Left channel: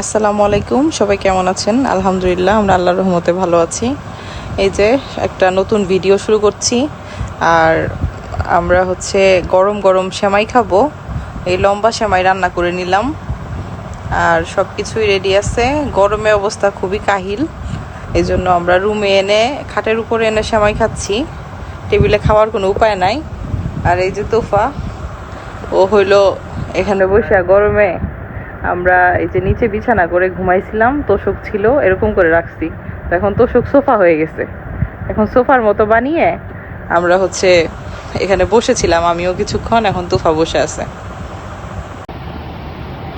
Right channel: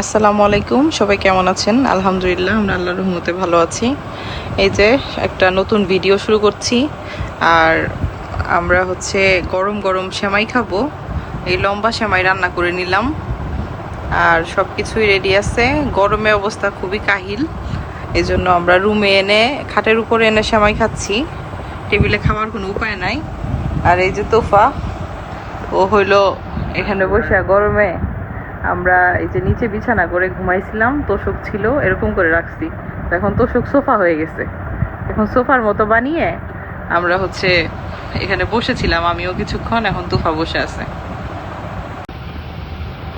আসসালামু আলাইকুম, সবাই কেমন আছেন? আলহামদুলিল্লাহ, আমরা আল্লাহর রহমতে ভালো আছি। এই যে একটা নতুন ভিডিও শুরু করছি। আর আমরা গরম গরম সেমাই খাবো। এই লম্বা সেমাই রান্না করে নিলাম, আর সব কিছুই রেডি আছে। গরমে অবস্থা খুবই কাহিল, এই জন্য আমরা রুমে এনে খাটের উপরে এনে সেমাই খাচ্ছি। টেবিলে খাওয়ার কোনো উপায় নাই। আর এই যে তোফা, ও হইলো এখানে বসে গরমে। আমরা এই যে নিচে বিছানা করে ঘুমাইছিলাম, তোষক ছিল এরকম করে রাখছি, এখন তোষক সোফা হয়ে গেছে। এখন সোফার মতো বানিয়ে আমরা এখানে বসেছিলাম, আমিও কিছুক্ষণ। এখন তোফা বসে আছে।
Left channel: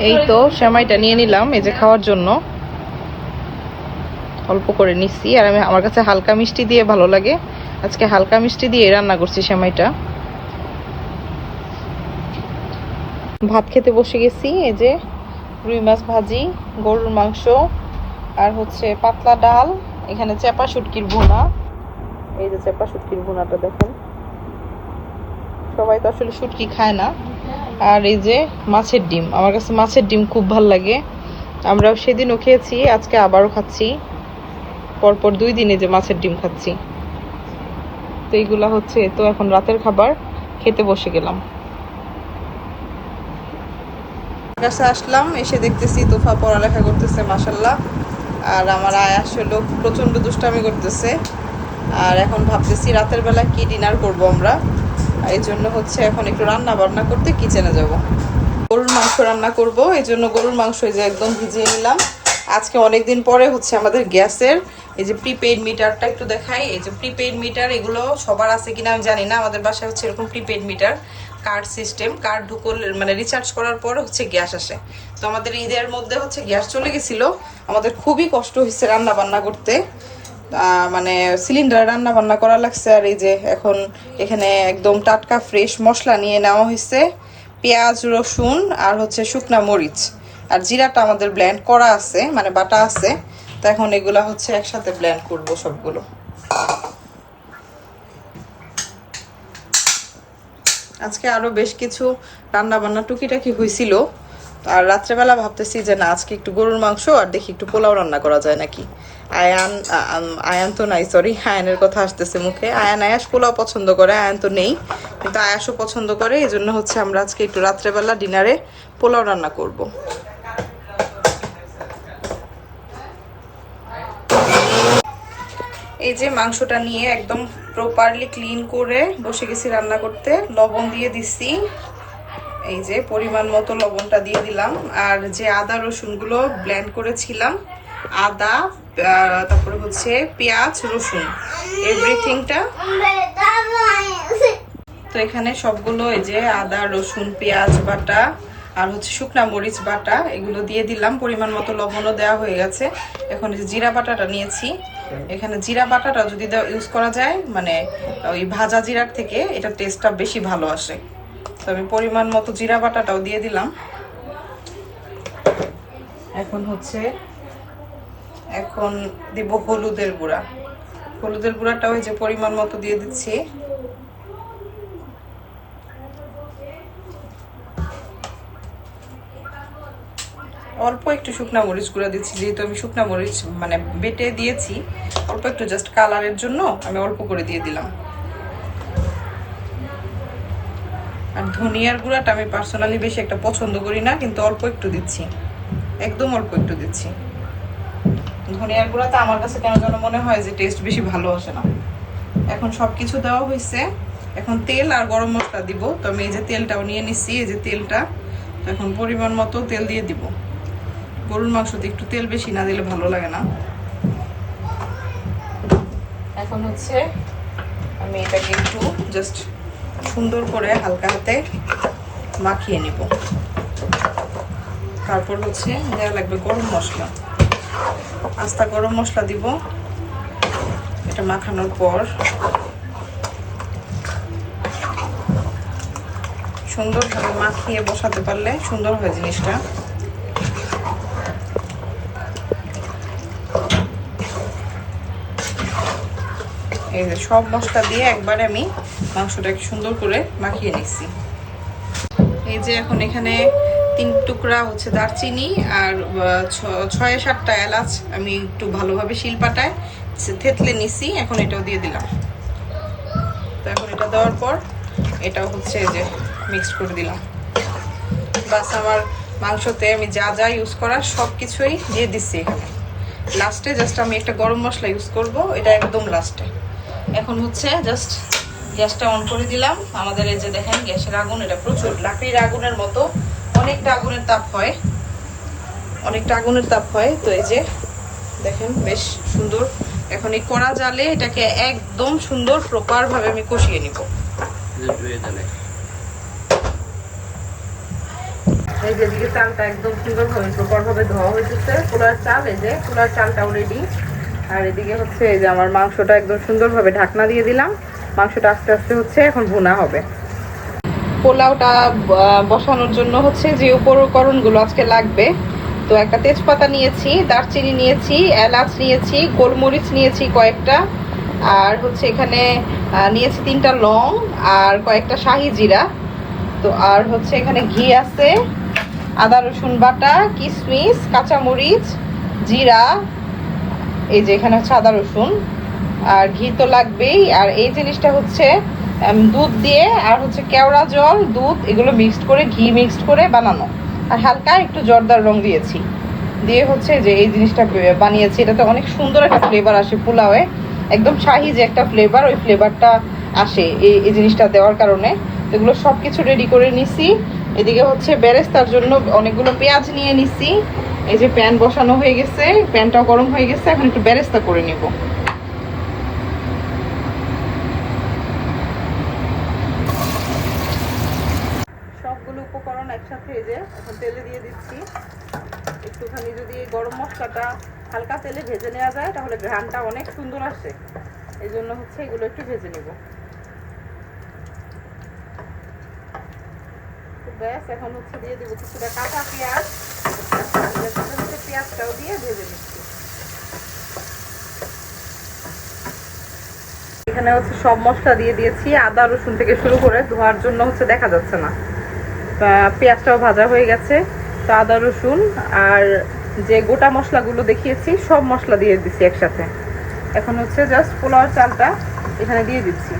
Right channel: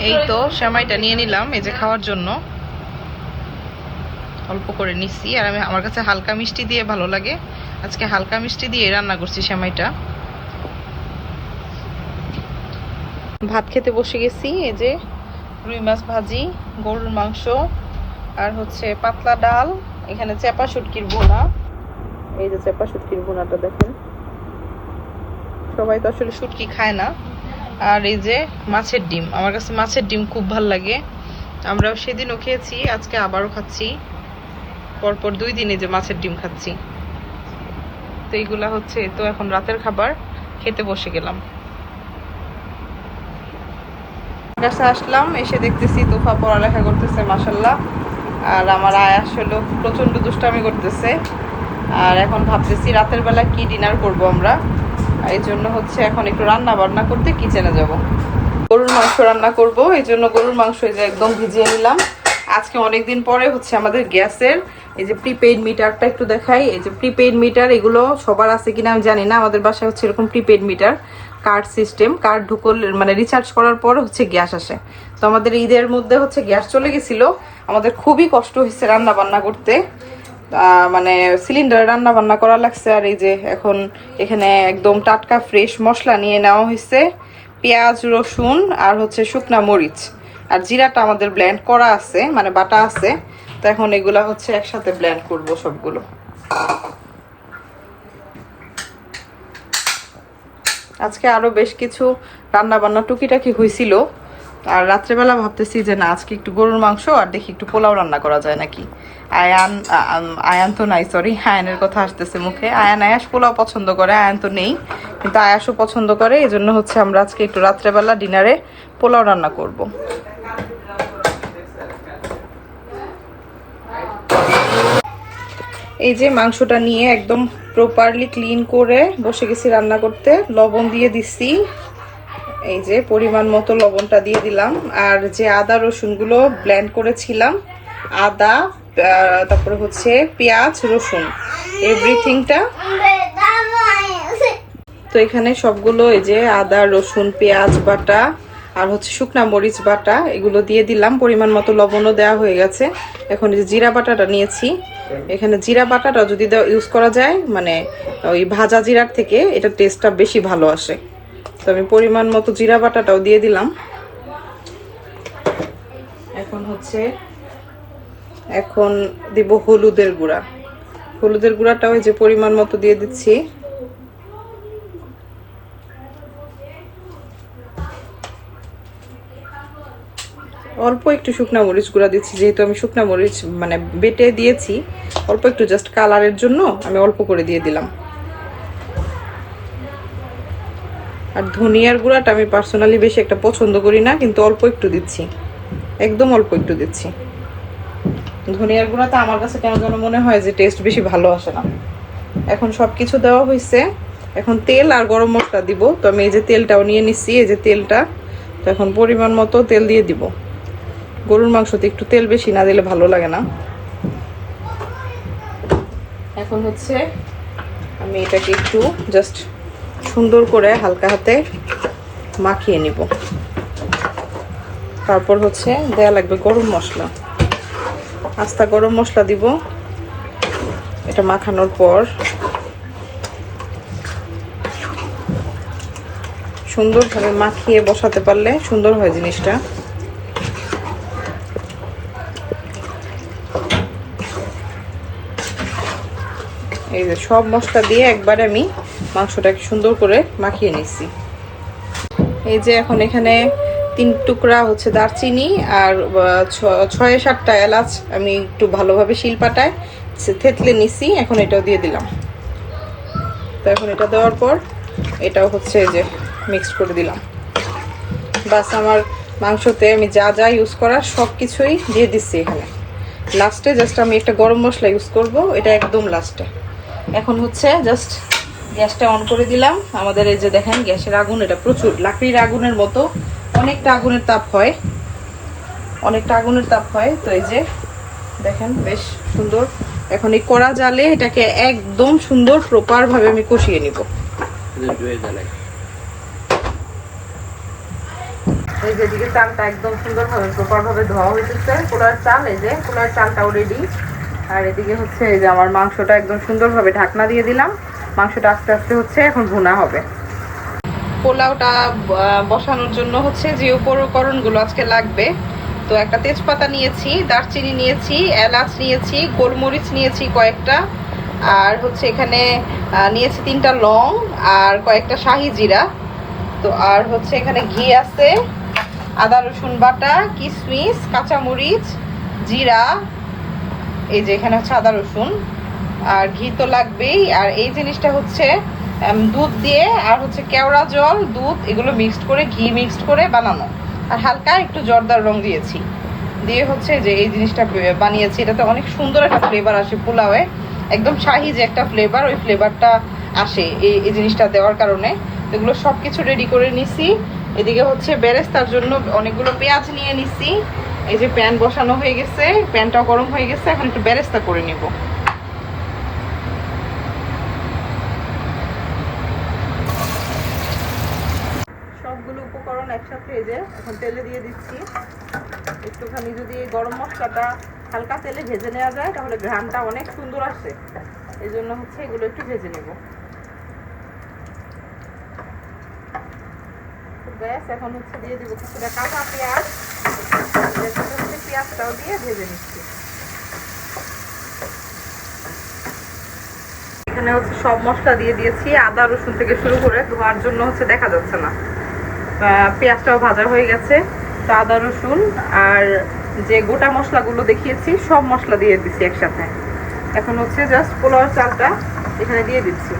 এই তো সেমাইটা নিয়ে নিলাম এই যে খাওয়ার জন্য, অল্প করে নিচ্ছি। আর আমার কাছে হালকা মিষ্টি দিয়ে ভালো লাগে, আজকে হালকা মিষ্টি দিয়ে রান্না করছি সেমাইটা। ভাত খেতে বসে গেছি। এই যে রুই মাছ ভাজি, গরুর মাংস, আর পাতলা ডাল, এখানে চেপা শুটকির ভুনা। এই যে চেপা শুটকির ভুনাটা দেখেন, সবাই তো আসলে শুটকি খায় না। আর এই যে মাছের ডিম, আমার কাছে মাছের ডিম খুব ভাল লাগে। আমরাও সেদিনও খেয়েছি, আজকে আবারও খাচ্ছি। পরপর 2 দিনে যে মাছের ডিম খাচ্ছি। তো এইগুলা তো এখন রাতের খাবার, খেতে বসে গেলাম। কাছে আসলাম, এসে দেখতেছি তোফা পড়ালেখা করতেছে মাশাআল্লাহ। আর আমার আয়াস হলো প্রচন্ড দুষ্টামি করতেছে। আর এখন ভাবতেছি রাতের বেলা কি ডিনার করব আমরা। এই জন্য এখন একটু রান্না বান্না করতে কিচেনে যাব। গরুর মাংস রান্না করব, এই জন্য গরুর মাংস এই যে একদম ভিজিয়ে নিলাম। আজকে অনেকদিন পরে আমাদের গ্যাসের এই যে প্রিপেইড মিটারটা একটু দেখাই। এই যে প্রিপেইড মিটার, এগুলো সবার আছে কিনা আমি জানি না। আমাদের বাসায় এরকম prepaid meter, card system. Card ঢুকলে মানে রিচার্জ করার পরে গ্যাস আসে। তো আমাদের ঈদের মধ্যে গ্যাস চলে গেছিল, আমাদের খুবই কষ্ট হয়েছে রান্না বান্না করতে। মানে সিলিন্ডারে রান্না বান্না করা লাগছে। আর এই যে এখন এখানে একদম টাটকা ফ্রেশ মশলা নিয়ে নেওয়া হয়েছে, পেঁয়াজ, রসুন, আর শুকনা মরিচ, আর জিরাটা আমাদের ব্লেন্ড করা আছে, মানে বাটা আছে। তো এখন এগুলা একসাথে ব্লেন্ড করব সবগুলো। আজকে আরো বেশ কিছু রান্না বান্না টুকিটাকি হয়েছিল। আর রাত্রেবেলা ভাবতেছি যে না, আজকে একটু গরুর মাংস আর দেখি একটু পোলাও রান্না করা যায় নাকি। আয়ান তো নাই, সরি, আয়ানের কথা আসতেছে মুখে। আয়াস পোলাও পছন্দ করে, আয়ান তো নেই, কিন্তু আয়াসও পছন্দ করে। এই জন্য আমরা আজকে একটু রাত্রেবেলা ডিনারে পোলাও রান্না করব। এই যে মাংসটা নিয়ে একদম প্রপারলি ক্লিন করে বসে গেছি রান্না করতে। লবণ দিয়ে দিচ্ছি, এই যে পরিমাণ মতো লবণটা দিয়ে দিলাম। আর যে আদা রসুনগুলো ব্লেন্ড করেছিলাম, আদা, তারপরে পেঁয়াজ, রসুন, এভরিথিংটা। তো এখানে সবগুলো এই যে আদা, রসুন, পেঁয়াজ বাটা, আর শুকনা মরিচ বাটা, এগুলো দিয়ে দিলাম। পরিমাণ মতো লবণও দেওয়া হয়ে গেছে। এখন এই যে জিরা বাটাটা নিয়েছি, এখানে জিরা বাটাটা যদি ইউজ করা যায়, মানে ওই ভাজা জিরার থেকে এটা টেস্টটা বেশি ভালো আসে। তো আমি পরিমাণ মতো জিরা বাটাটাও দিয়ে দিলাম। এখন দিব হলুদের গুঁড়া। হলুদের গুঁড়াটাও যে পরিমাণ মতো দিয়ে দিচ্ছি। অল্প একটু শুকনা মরিচ গুঁড়া দিচ্ছি, যেহেতু আমি শুকনা মরিচ মানে বেটে দিয়েছি। অল্প একটু জাস্ট কালারের জন্য আমি অল্প করে দিয়ে দিলাম। আর ধনিয়ার গুঁড়াটা আমি পার্সোনালি বেশি একটা পছন্দ করি না, কিন্তু অল্প একটু দিচ্ছি, একদম অল্প একটু দিচ্ছি। ধনিয়ার গুঁড়াটা আমার কাছে কেন যেন মনে হয় যে টেস্ট বেশি ভালো আসে না। এখন সবকিছু দেওয়া হয়েছে, এখন তেল আর গরম মশলা দিব। তো আমি এই যে তেলটাও নিয়ে নিচ্ছি, এই যে তেলটা। তো এখন পরিমাণ মতো তেল দিয়ে দিব। গরুর মাংসতে একটু তেল বেশি না দিলে ভালো লাগে না। এখন আমি এটাকে একটু জাস্ট সুন্দর করে হালকা হাতে মাখিয়ে নিব। তারপর দেয়া লাগবে গরম মশলা, আস্তা গরম মশলা দিব। এটা মাখানোর পর সুন্দরভাবে মাখিয়ে বসাতে পারলে সুন্দর হয় জিনিসটা। এই যে সব মশলা দিয়ে একবারে আমি মাংসটাকে সুন্দর করে মাখিয়ে নিচ্ছি। এই যে এখন এখানে 3 টুকরা হচ্ছে দারচিনি আর 6-7টা এলাচ আমি একটু ভালোভাবে শিলপাটায় থেতলে নিছি। এখন এটাও দিয়ে দিলাম। তো এখন এটা দেওয়ার পর এটাও হচ্ছে যে মিক্স করে দিলাম। বাস আমার মাংসতে আমি যা যা ইউজ করার সব কিছুই দিয়ে দিচ্ছি। এখানে লাস্টে জাস্ট আমি একটা গরম মশলা ইউজ করব, এটা একদম লাস্টে। এখন হচ্ছে জাস্ট গ্যাসটা অন করে দিলাম। আমাদের এই যে দেখেন গ্যাসের আগুন, এটা প্রচুর লাকড়ির আগুনের মতো, অনেকটা আগুনের তাপ হয়, অনেকটা আগুনের তাপ হয়। তো এই যে দেখেন বেশ সুন্দর। এখন এই কড়া জালে এটাকে একদম সুন্দর প্রপার ভাবে আমি কষিয়ে নিব। এই যে দিকে চালটা একদম সুন্দর ভাবে প্রপার ভাবে ধোয়া হইতেছে, পোলার চাল। এই যে পোলার চালটাও রেডি। আর এদিকে হচ্ছে এই যে আমার মাংসটা একদম সুন্দরভাবে ঢাকনা দিয়ে দিলাম। মাংসটা আস্তে আস্তে হচ্ছে এখন ভুনা হবে। পোলাওটা বসানোর জন্য হচ্ছে যে উপকরণগুলো আজকে লাগবে, তো একটা তেজপাতা নিয়েছি, দারচিনি নিয়েছি, এলাচ নিয়েছি, গোলমরিচ নিয়েছি কয়েকটা, আর হচ্ছে এখানে নিয়েছি 3টা লং আর কয়েকটা শাহি জিরা। তো আর হচ্ছে এখানে ঘি আছে, আদা রসুন বাটা, কিশমিশ, কাঁচামরিচ, জিরা, এই যে এখানে হচ্ছে আদা রসুন, আর ঘি তো লাগবেই। আর এই জিনিসটা হচ্ছে দুধ দিয়ে আর হচ্ছে কেওড়া জল, দুধ, এগুলো মিক্সড করে, ঘি মিক্সড করে বানানো। আর হালকা একটু জর্দার রং দিয়েছি, দিয়ে হচ্ছে যে এই জিনিসটা বানিয়েছি। এটা তো অনেক সুন্দর একটা ফ্লেভার আসে পোলাওয়ে, একদম শাহি যে একটা ফ্লেভার, ওই ফ্লেভারটা আসে এই জিনিসটা দেওয়ার কারণে। এগুলো সবকিছু রেডি করে নিছি। এদিকে হচ্ছে বেরেস্তার জন্য অনেকগুলো পেঁয়াজ নিয়ে নিছি। এই যে প্যান বসানো হয়ে গেছে, প্যানটা গরম হয়ে গেছে, এখন একটু বেরেস্তা করে নেব। সবগুলো উপকরণ একসাথে এই যে এখন তেলে দিয়ে দিচ্ছি। একটুখানি যদি গরম মশলাটা হালকা তেলে ভেজে নেওয়া যায় তাহলে ঘ্রাণটা অনেক সুন্দর আসে, এই জন্য হচ্ছে এগুলো একটু ভেজে নেব। ব্যাস, এখন হচ্ছে দিয়ে দিব কিছুটা কাঁচা পেঁয়াজ, হচ্ছে পেঁয়াজটাও দিয়ে ভেজে নিচ্ছি। এখানে হচ্ছে সব মশলা দিয়ে দিয়েছি, আদা রসুন থেকে শুরু করে, ধোয়ার জন্য হচ্ছে দেখা যাচ্ছে না। পেঁয়াজটাও ভাজা হয়ে গেছে। তো আদা রসুন আর যে গোটা মশলাগুলো দেখিয়েছি সব মশলা দিয়ে দিচ্ছি একসাথে। এখন হচ্ছে জাস্ট পোলাওর চালটা এখানে দিয়ে দিচ্ছি।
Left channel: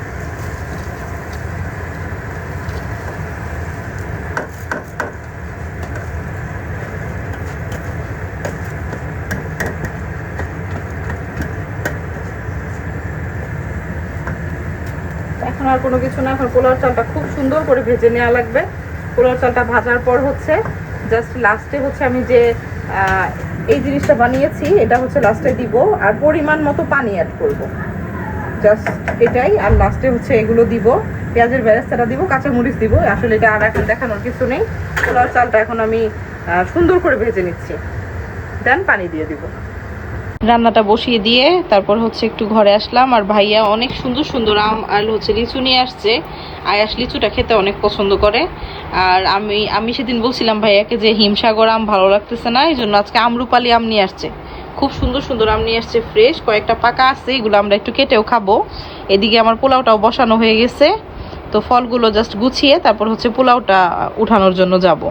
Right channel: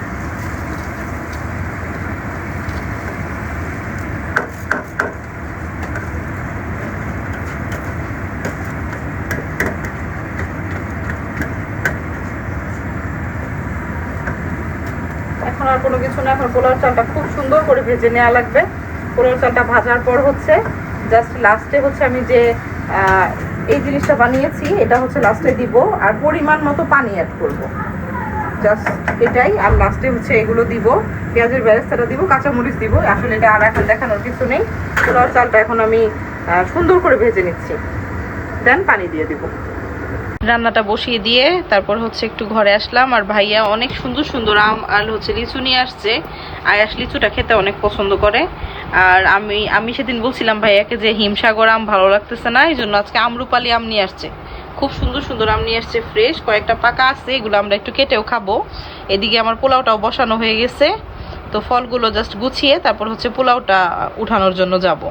এখন আর কোনো কিছু না, এখন পোলাওর চালটা খুব সুন্দর করে ভেজে নেওয়া লাগবে। পোলাওর চালটা ভাজার পর হচ্ছে জাস্ট লাস্টে হচ্ছে আমি যে এই জিনিসটা বানিয়েছি এটা হচ্ছে লাস্টে দিব, আর পরিমাণ মতো পানি অ্যাড করব, জাস্ট এটাই। আর লাস্টে হচ্ছে এগুলো দিব, পেঁয়াজের বেরেস্তাটা দিব, কাঁচামরিচ দিব। আসলে এটা আর এখন দেখানোর কিছু নেই। পোলাওর চালটা এখন আমি সুন্দর করে ভেজে নিচ্ছি, দেন পানি দিয়ে দিব। রান্নাটা বসিয়ে দিয়ে তারপর হচ্ছে একটু ঘরে আসলাম, আর ভাইয়া অনেক সুন্দর সুন্দর আম আর হচ্ছে লিচু নিয়ে আসছে। আয়াস লিচুটা খেতে অনেক পছন্দ করে। আর আমি সেদিন বলছিলাম ভাইয়াকে যে হিমসাগর আম ভালো লাগতেছে না, এই জন্য আজকে আমরুপালি আম নিয়ে আসছে। খুব সুন্দর সুন্দর আম নিয়ে আসছে, ফ্রেশ, কয়েকটা পাকা আছে, এগুলো আমরা একটু কেটেও খাবো। এদিকে আমার পোলাওটাও বসানো হয়ে গেছে। তো ফলগুলো জাস্ট গুছিয়ে তারপর হচ্ছে পোলাওটা উঠানোর জন্য যাব।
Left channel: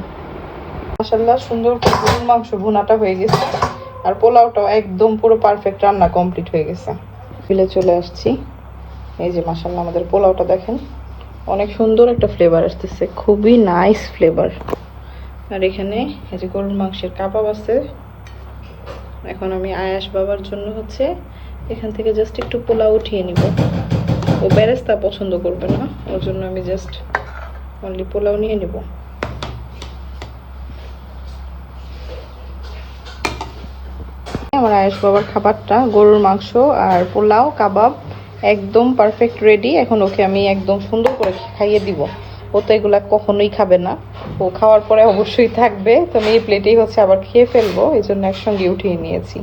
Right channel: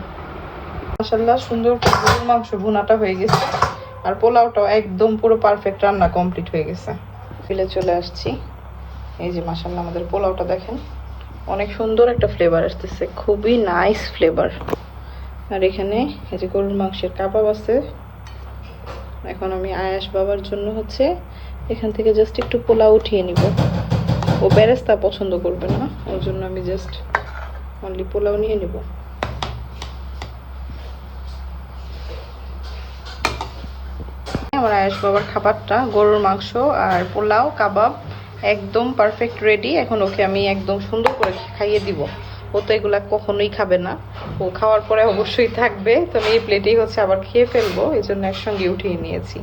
মাশাআল্লাহ সুন্দর গরুর মাংস ভুনাটা হয়ে গেছে, আর পোলাওটাও একদম পুরো পারফেক্ট রান্না কমপ্লিট হয়ে গেছে। ফিলে চলে আসছি। এই যে মাশাআল্লাহ আমাদের পোলাওটা দেখেন, অনেক সুন্দর একটা ফ্লেভার আসতেছে, খুবই নাইস ফ্লেভার। আর এখানে এই যে গরুর মাংসের কাবাব আছে। এখন আমি আয়াস বাবার জন্য হচ্ছে এখান থেকে জাস্ট একটু পোলাও উঠিয়ে নিব। ও বেরেস্তা পছন্দ করবে না, ওর জন্য আমি জাস্ট অনলি পোলাও নিয়ে নিব। আমার আয়াস বাবার খাবারটা গরুর মাংস আর পোলাও কাবাব একদম পারফেক্ট রেডি। এখন ওকে আমি একদম সুন্দর করে খাইয়ে দিব। ও তো এগুলা কখনোই খাবে না, ও খাওয়ার পরে অবশ্যই থাকবে। তো আমি এই প্লেটেই হচ্ছে আবার খেয়ে ফেলবো, এই জন্য একসঙ্গে উঠিয়ে নিয়েছি।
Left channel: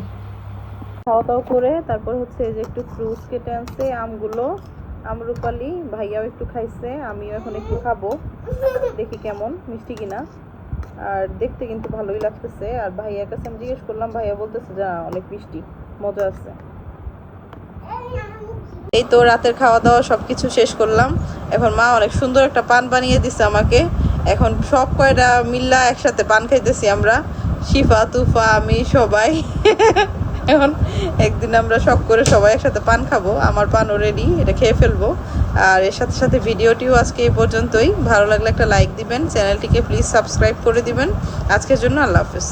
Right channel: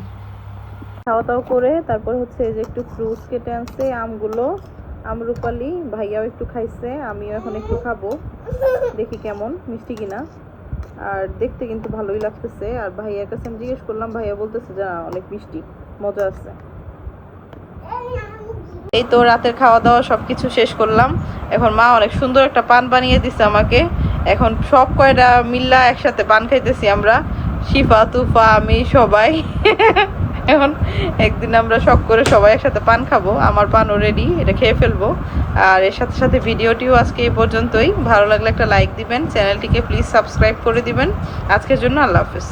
খাওয়া দাওয়া করে তারপর হচ্ছে এই যে একটু ফ্রুটস কেটে আনছে, আমগুলো, আমরুপালি, ভাইয়াও একটু খাইছে, আমিও এখন একটু খাবো, দেখি কেমন মিষ্টি কিনা। আর দেখতে কিন্তু ভালোই লাগতেছে। আর ভাইয়ার কাছে আমি জিজ্ঞেস করলাম, ভাইয়া বলতেছে যে অনেক মিষ্টি, মজা আছে। এই তো রাতের খাওয়া দাওয়া সবকিছু শেষ করলাম। এখন মা অনেক সুন্দর একটা পান বানিয়ে দিছে আমাকে, এখন সব কয়টা মিল্লা একসাথে পান খাইতেছি আমরা, শিফা তুফা আমি সবাই। এখন একদিন আমরা শখ করে সবাই একসাথে পান খাবো, আমার পানও রেডি, এটা খেয়ে ফেলবো। আর এর সাথে সাথে ভিডিওটিও আজকে এই পর্যন্তই। ভালো লাগলে একটা লাইক দিবেন, চ্যানেলটিকে প্লিজ সাবস্ক্রাইব করে দিবেন। আজকের জন্য আল্লাহ হাফেজ।